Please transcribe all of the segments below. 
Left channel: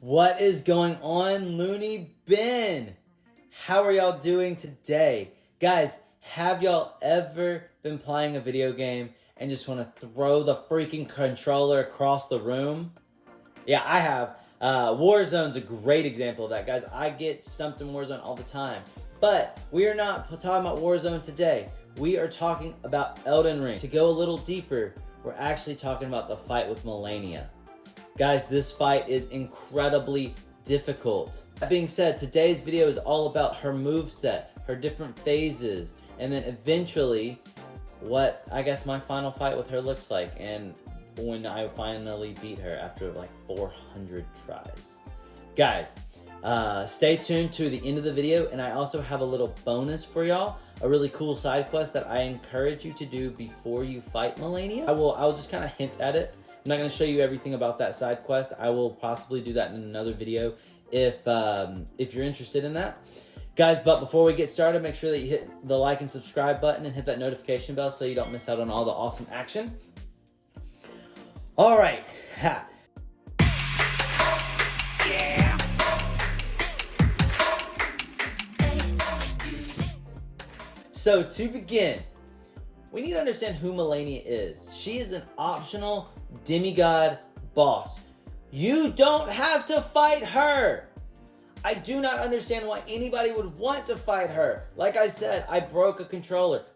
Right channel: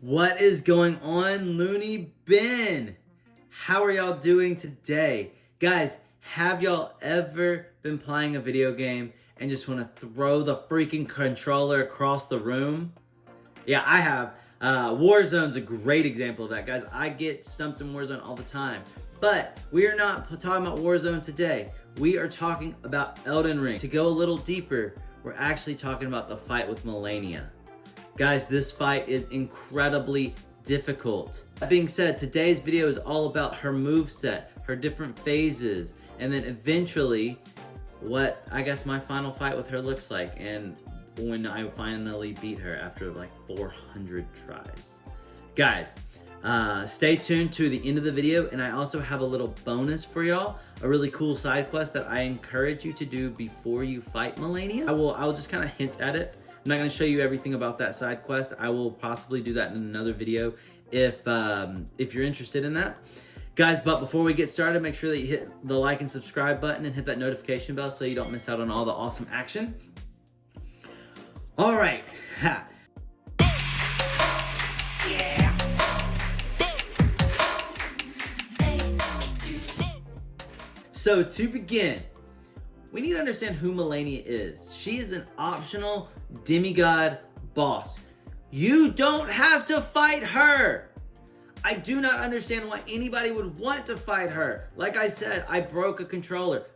What is going on, Looney Bin? How are y'all doing today? Guys, have y'all ever been playing a video game and just want to throw the freaking controller across the room? Yeah, I have. Warzone's a great example of that, guys. I get stumped in Warzone all the time. But we are not talking about Warzone today. We are talking about Elden Ring. To go a little deeper, we're actually talking about the fight with Malenia. Guys, this fight is incredibly difficult. That being said, today's video is all about her moveset, her different phases, and then eventually what I guess my final fight with her looks like, and when I finally beat her after like 400 tries. Guys, stay tuned to the end of the video, and I also have a little bonus for y'all, a really cool side quest that I encourage you to do before you fight Malenia. I'll just kind of hint at it. I'm not going to show you everything about that side quest. I will possibly do that in another video if you're interested in that. Guys, but before we get started, make sure that you hit the like and subscribe button and hit that notification bell so you don't miss out on all the awesome action. All right. Ha. Yeah. So to begin, we need to understand who Malenia is. She is an optional demigod boss. You don't have to fight her. I do not understand why anybody would want to fight her. Like I said, I broke a controller.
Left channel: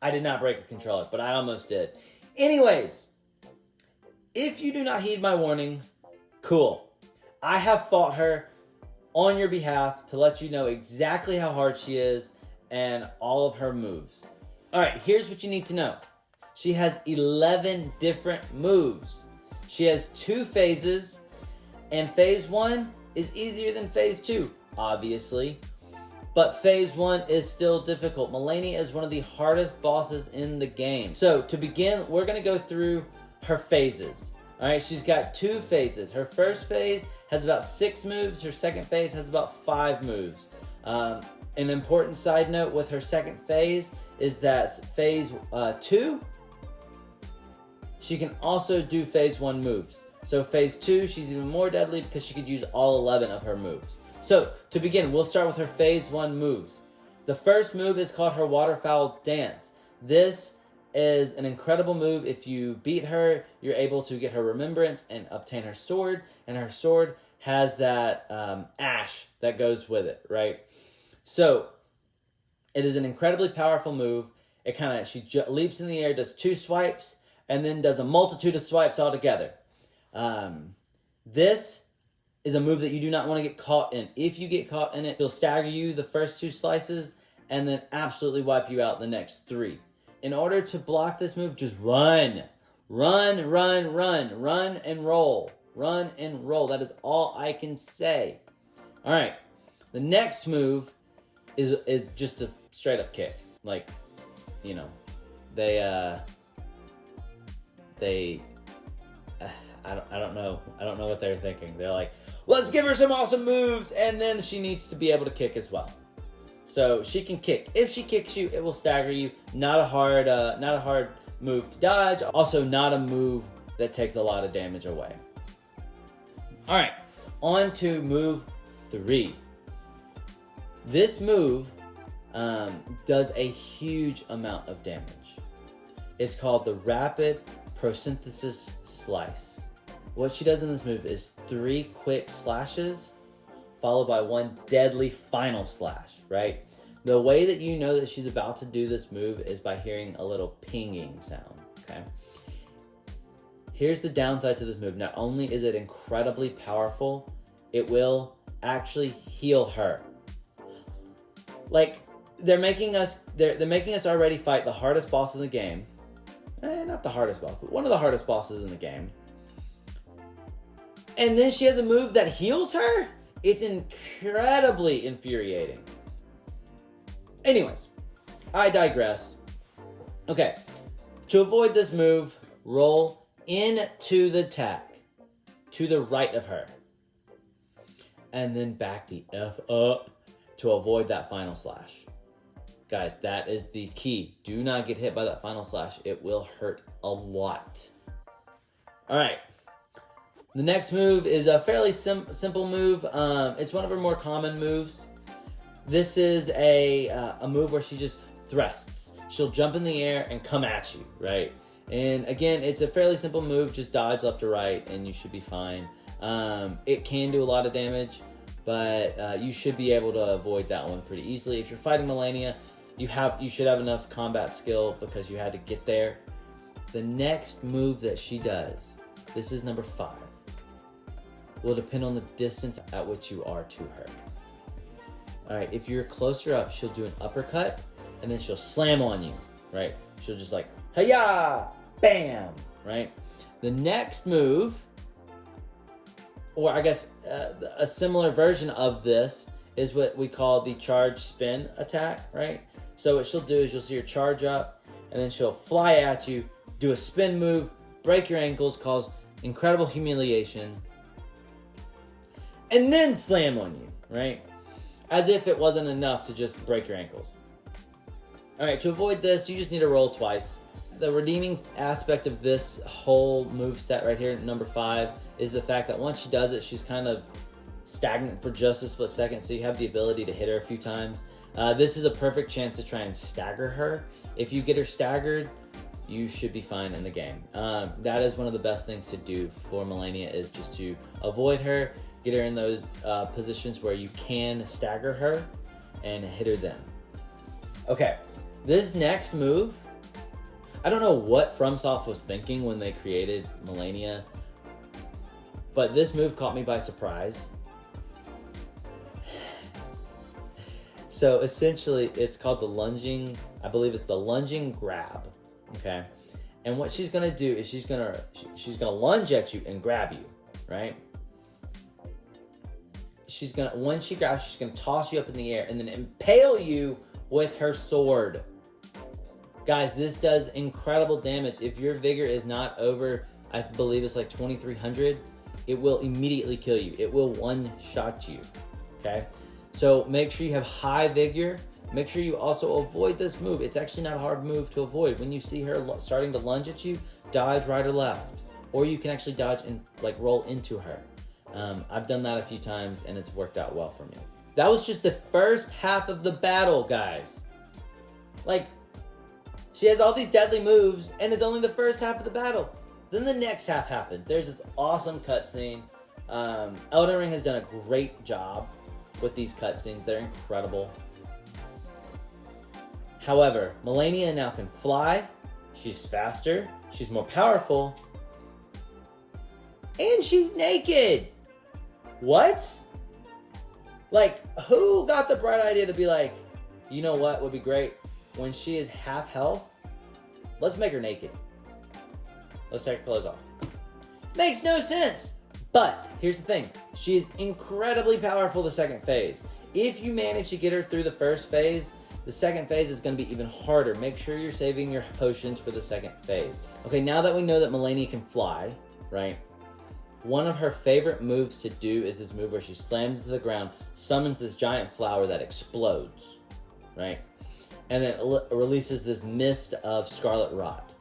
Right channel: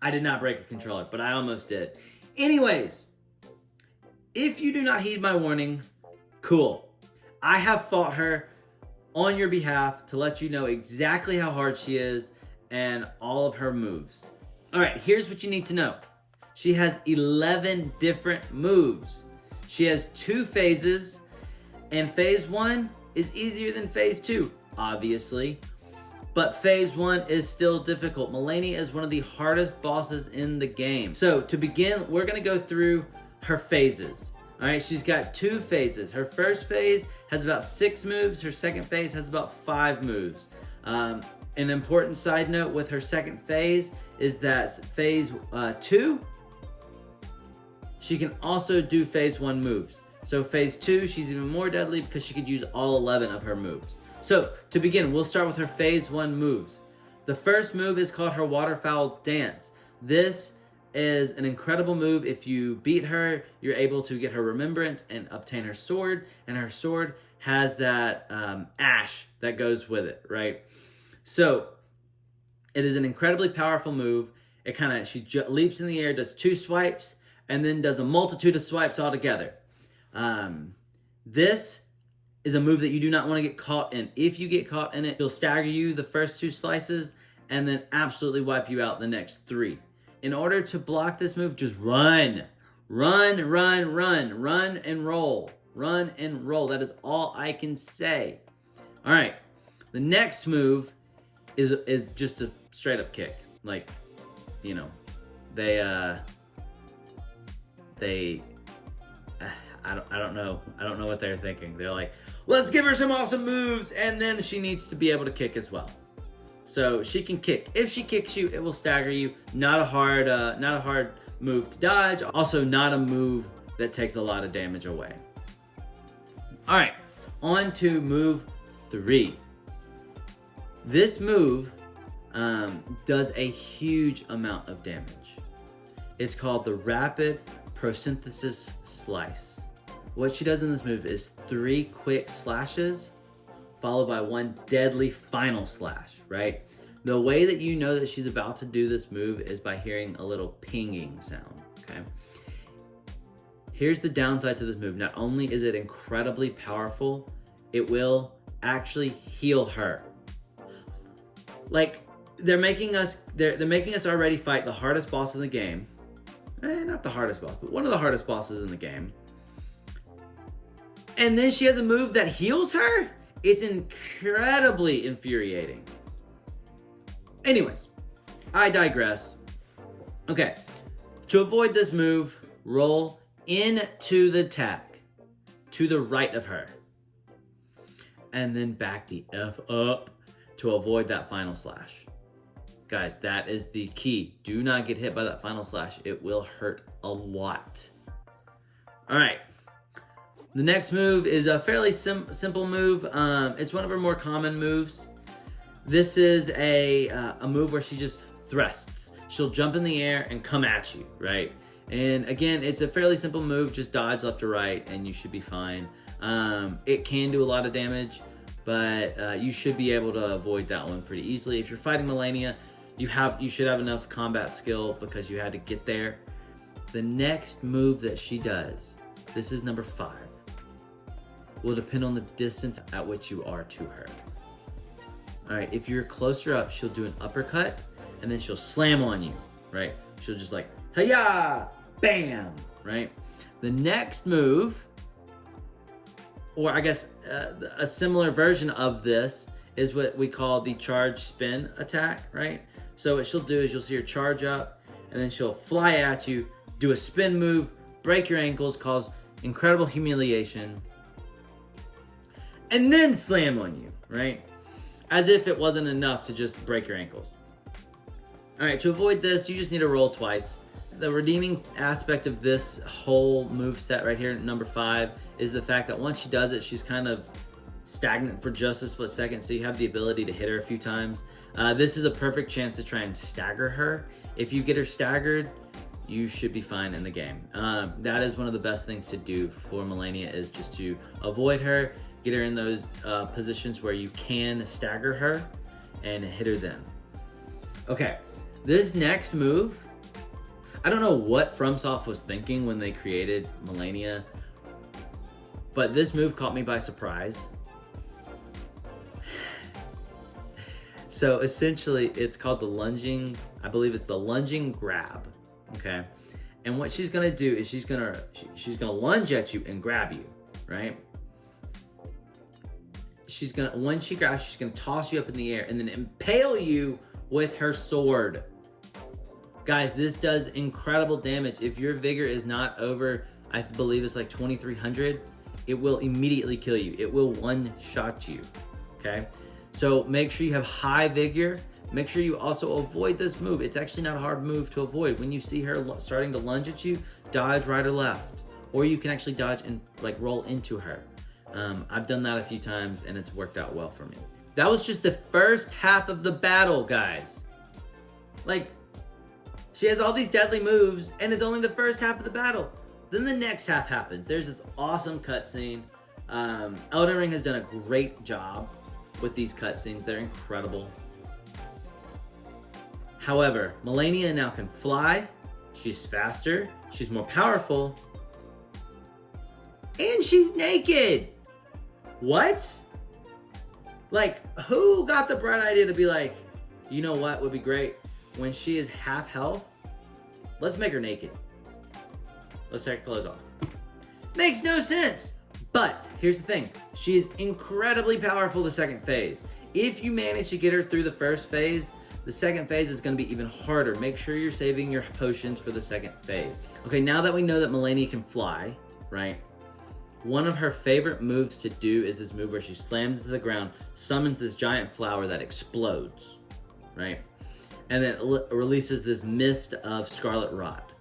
I did not break a controller, but I almost did. Anyways, if you do not heed my warning, cool. I have fought her on your behalf to let you know exactly how hard she is and all of her moves. All right, here's what you need to know. She has 11 different moves. She has 2 phases, and phase 1 is easier than phase 2, obviously. But phase 1 is still difficult. Malenia is one of the hardest bosses in the game. So to begin, we're gonna go through her phases. All right, she's got 2 phases. Her first phase has about 6 moves. Her second phase has about 5 moves. An important side note with her second phase is that phase 2, she can also do phase 1 moves. So phase 2, she's even more deadly because she could use all 11 of her moves. So to begin, we'll start with her phase 1 moves. The first move is called her Waterfowl Dance. This is an incredible move. If you beat her, you're able to get her remembrance and obtain her sword. And her sword has that ash that goes with it, right? So it is an incredibly powerful move. She leaps in the air, does 2 swipes, and then does a multitude of swipes all together. This is a move that you do not want to get caught in. If you get caught in it, she'll stagger you the first 2 slices and then absolutely wipe you out the next 3. In order to block this move, just run. Run, run, run. Run and roll. Run and roll. That is all I can say. All right. The next move is just a straight up kick. Like, you know, I don't know what they're thinking. They're like, let's give her some awesome moves, and then she needs to be able to kick as well. So she can kick. If she kicks you, it will stagger you. Not a hard move to dodge. Also, not a move that takes a lot of damage away. All right, on to move 3. This move does a huge amount of damage. It's called the Rapid Prosynthesis Slice. What she does in this move is 3 quick slashes followed by 1 deadly final slash, right? The way that you know that she's about to do this move is by hearing a little pinging sound, okay? Here's the downside to this move. Not only is it incredibly powerful, it will actually heal her. Like, they're making us already fight the hardest boss in the game. Not the hardest boss, but one of the hardest bosses in the game. And then she has a move that heals her? It's incredibly infuriating. Anyways, I digress. Okay, to avoid this move, roll into the attack to the right of her. And then back the F up to avoid that final slash. Guys, that is the key. Do not get hit by that final slash. It will hurt a lot. All right. The next move is a fairly simple move. It's one of her more common moves. This is a move where she just thrusts. She'll jump in the air and come at you, right? And again, it's a fairly simple move. Just dodge left or right and you should be fine. It can do a lot of damage, but you should be able to avoid that one pretty easily. If you're fighting Malenia, you should have enough combat skill because you had to get there. The next move that she does, this is number 5, will depend on the distance at which you are to her. All right, if you're closer up, she'll do an uppercut and then she'll slam on you, right? She'll just like, hi-ya, bam, right? The next move, or I guess a similar version of this, is what we call the charge spin attack, right? So what she'll do is you'll see her charge up and then she'll fly at you, do a spin move, break your ankles, cause incredible humiliation, and then slam on you, right? As if it wasn't enough to just break your ankles. All right, to avoid this, you just need to roll twice. The redeeming aspect of this whole move set right here, number 5, is the fact that once she does it, she's kind of stagnant for just a split second, so you have the ability to hit her a few times. This is a perfect chance to try and stagger her. If you get her staggered, you should be fine in the game. That is one of the best things to do for Malenia, is just to avoid her, get her in those positions where you can stagger her and hit her then. Okay, this next move, I don't know what FromSoft was thinking when they created Malenia, but this move caught me by surprise. So essentially, it's called the lunging, I believe it's the lunging grab, okay? And what she's gonna do is she's gonna lunge at you and grab you, right? When she grabs, she's gonna toss you up in the air and then impale you with her sword. Guys, this does incredible damage. If your vigor is not over, I believe it's like 2,300, it will immediately kill you. It will one-shot you, okay? So make sure you have high vigor. Make sure you also avoid this move. It's actually not a hard move to avoid. When you see her starting to lunge at you, dodge right or left. Or you can actually dodge and like roll into her. I've done that a few times and it's worked out well for me. That was just the first half of the battle, guys. Like, she has all these deadly moves and it's only the first half of the battle. Then the next half happens. There's this awesome cutscene. Elden Ring has done a great job with these cutscenes. They're incredible. However, Malenia now can fly, she's faster, she's more powerful, and she's naked. What? Like, who got the bright idea to be like, you know what would be great? When she is half health, let's make her naked. Let's take her clothes off. Makes no sense. But here's the thing. She's incredibly powerful the second phase. If you manage to get her through the first phase, the second phase is going to be even harder. Make sure you're saving your potions for the second phase. Okay, now that we know that Malenia can fly, right? One of her favorite moves to do is this move where she slams to the ground, summons this giant flower that explodes, right? And then it releases this mist of scarlet rot.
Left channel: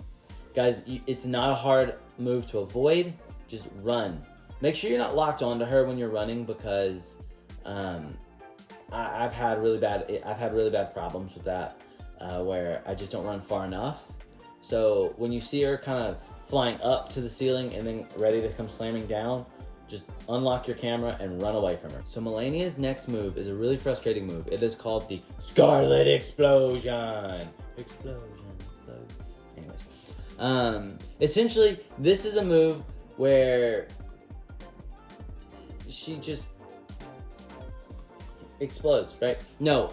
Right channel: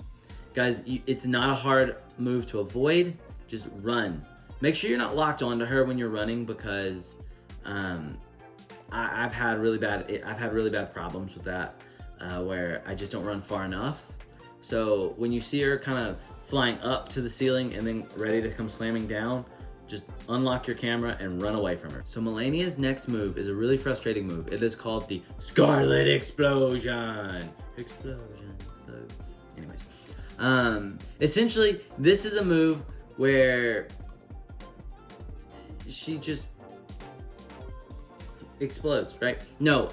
Guys, it's not a hard move to avoid. Just run. Make sure you're not locked onto her when you're running, because I've had really bad problems with that, where I just don't run far enough. So when you see her kind of flying up to the ceiling and then ready to come slamming down, just unlock your camera and run away from her. So Malenia's next move is a really frustrating move. It is called the Scarlet Explosion. Anyways, essentially this is a move where she just explodes, right? No,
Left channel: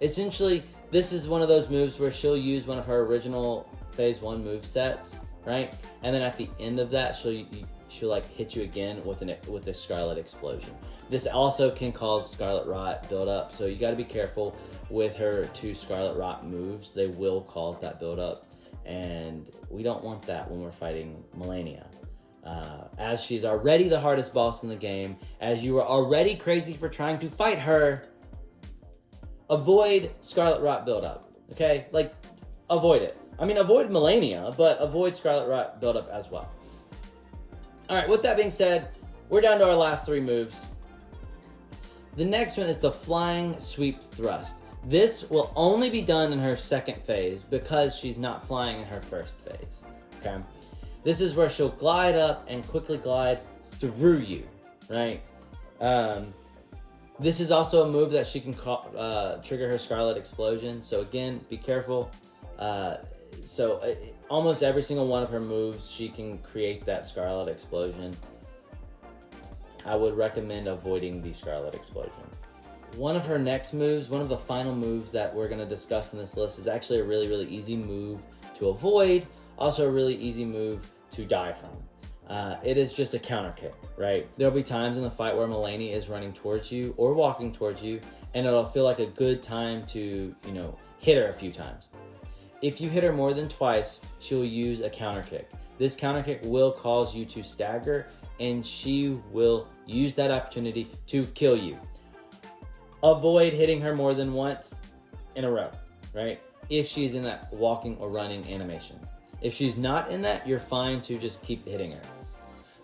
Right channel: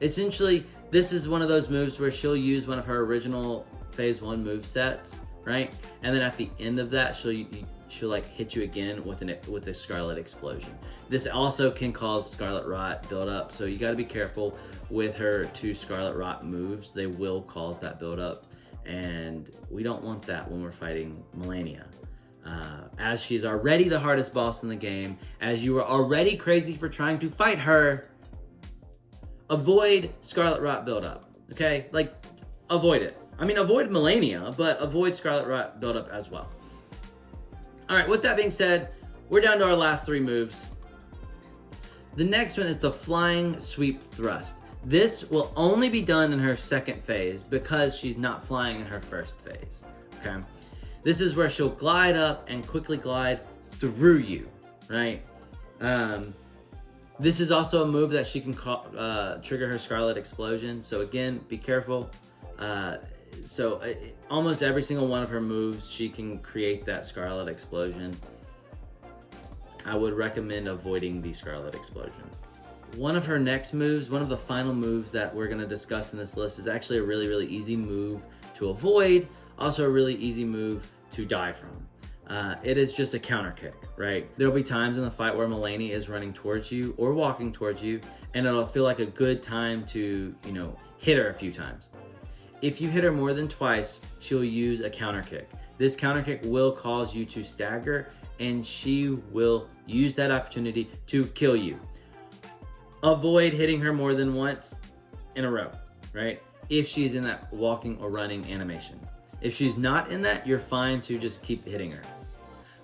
essentially this is one of those moves where she'll use one of her original phase 1 move sets, right? And then at the end of that, she'll like hit you again with a Scarlet Explosion. This also can cause Scarlet Rot buildup, so you got to be careful with her 2 Scarlet Rot moves. They will cause that buildup, and we don't want that when we're fighting Malenia. As she's already the hardest boss in the game, as you are already crazy for trying to fight her, avoid Scarlet Rot buildup, okay? Like, avoid it. I mean, avoid Malenia, but avoid Scarlet Rot buildup as well. All right, with that being said, we're down to our last 3 moves. The next one is the flying sweep thrust. This will only be done in her second phase because she's not flying in her first phase, okay? This is where she'll glide up and quickly glide through you, right? This is also a move that she can trigger her Scarlet Explosion. So again, be careful. Almost every single one of her moves, she can create that Scarlet Explosion. I would recommend avoiding the Scarlet Explosion. One of her next moves, one of the final moves that we're going to discuss in this list, is actually a really, really easy move to avoid. Also a really easy move to die from. It is just a counter kick, right? There'll be times in the fight where Malenia is running towards you or walking towards you, and it'll feel like a good time to, hit her a few times. If you hit her more than twice, she'll use a counter kick. This counter kick will cause you to stagger, and she will use that opportunity to kill you. Avoid hitting her more than once in a row, right? If she's in that walking or running animation. If she's not in that, you're fine to just keep hitting her.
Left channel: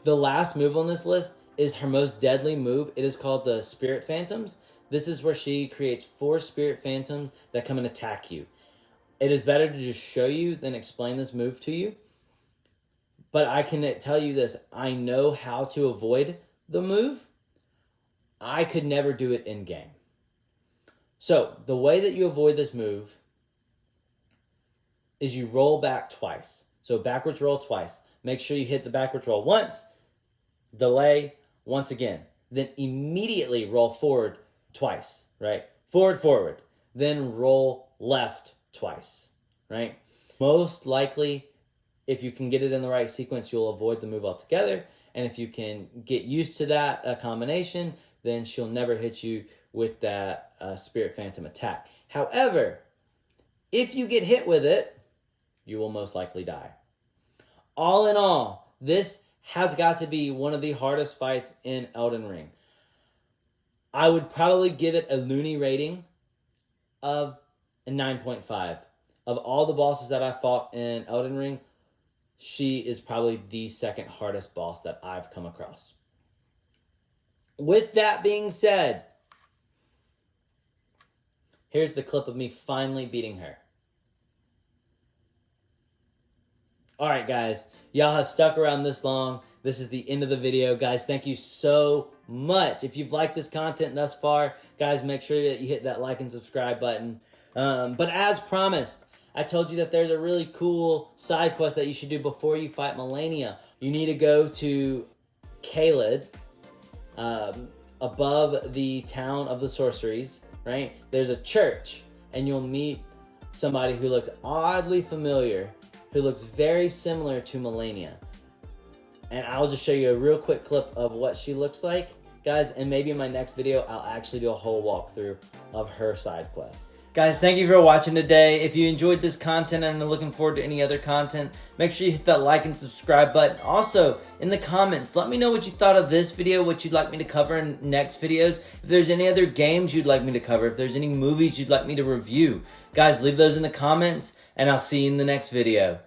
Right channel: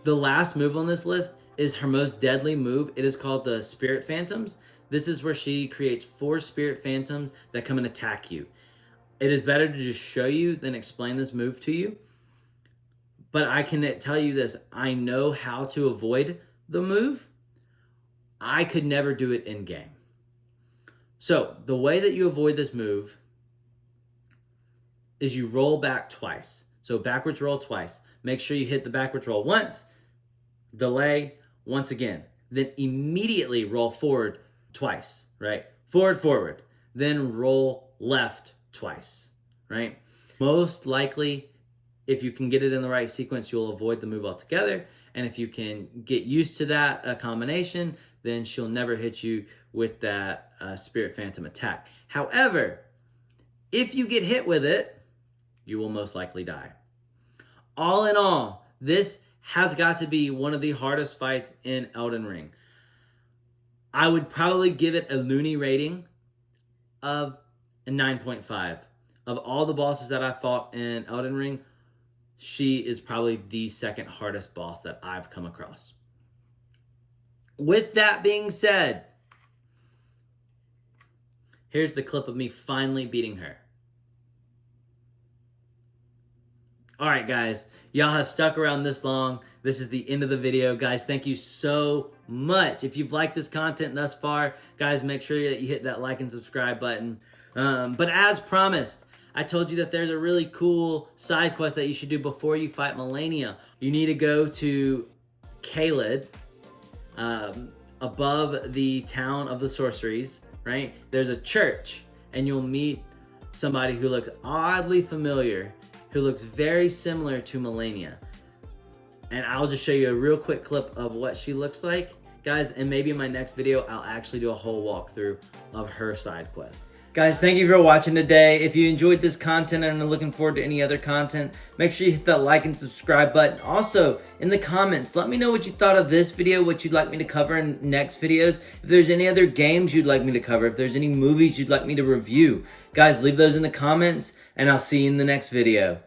The last move on this list is her most deadly move. It is called the Spirit Phantoms. This is where she creates 4 Spirit Phantoms that come and attack you. It is better to just show you than explain this move to you. But I can tell you this, I know how to avoid the move. I could never do it in game. So the way that you avoid this move is you roll back twice. So backwards roll twice. Make sure you hit the backwards roll once, delay once again. Then immediately roll forward twice, right? Forward, forward. Then roll left twice, right? Most likely, if you can get it in the right sequence, you'll avoid the move altogether. And if you can get used to that combination, then she'll never hit you with that Spirit Phantom attack. However, if you get hit with it, you will most likely die. All in all, this has got to be one of the hardest fights in Elden Ring. I would probably give it a loony rating of a 9.5. Of all the bosses that I fought in Elden Ring, she is probably the second hardest boss that I've come across. With that being said, here's the clip of me finally beating her. All right, guys, y'all have stuck around this long. This is the end of the video. Guys, thank you so much. If you've liked this content thus far, guys, make sure that you hit that like and subscribe button. But as promised, I told you that there's a really cool side quest that you should do before you fight Malenia. You need to go to Caelid, above the town of the sorceries, right? There's a church, and you'll meet somebody who looks oddly familiar, who looks very similar to Malenia. And I'll just show you a real quick clip of what she looks like, guys, and maybe in my next video, I'll actually do a whole walkthrough of her side quest. Guys, thank you for watching today. If you enjoyed this content and are looking forward to any other content, make sure you hit that like and subscribe button. Also, in the comments, let me know what you thought of this video, what you'd like me to cover in next videos. If there's any other games you'd like me to cover, if there's any movies you'd like me to review. Guys, leave those in the comments, and I'll see you in the next video.